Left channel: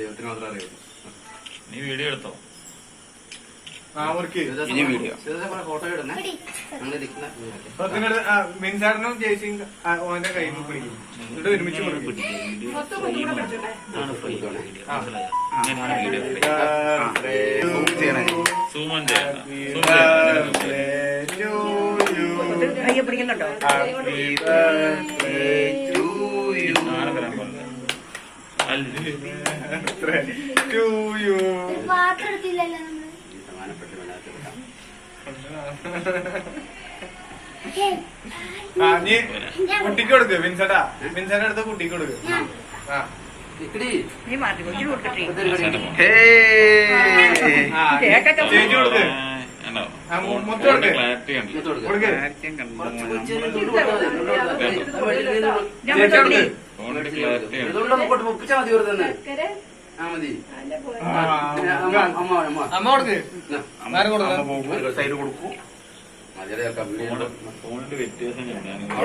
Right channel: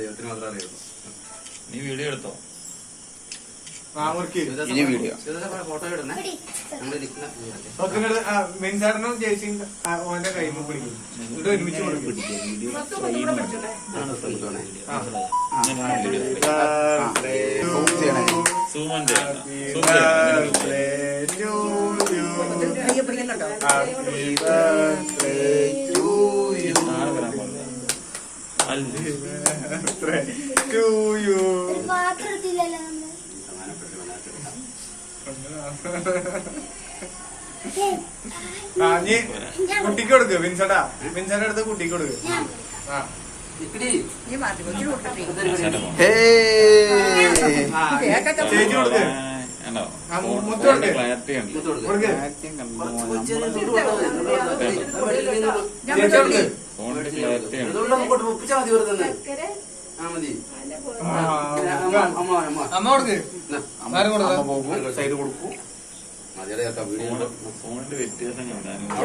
ദൈവത്തിന് മാത്രമേ അറിയുള്ളൂ. നീ വീഡിയോ എടുത്തോ? ഫോട്ടോ ഇടുന്നേ. മിൻസാറിനും ചേച്ചിയും ഓന്റെ കയ്യിൽ പിടിക്കും. ഇവിടെ ഒരുമിച്ച് കൊടുക്കും. പിടിക്കുന്നുണ്ടോ? നീ കുട്ടിക്ക് കൊടുക്ക്. വിൻസെന്റാ വിൻസെന്റ് അടുത്ത് കുട്ടിക്ക് കൊടുക്ക്. നീ മാറ്റി കൊച്ചു കൊടുക്കട്ടെ. ചേച്ചി കൊടുക്ക്. മുത്ത് കൊടുക്ക്. കൊടുക്ക്. ചേച്ചി കൊടുക്ക്. ഒപ്പിച്ചാ മതി ഒരു തന്നെ. ആ മതി. അമ്മ കൊടുക്ക്. സൈഡ് കൊടുക്കൂ. ഫോണിന്റെ വ്യത്യാസം കണ്ടാണ്.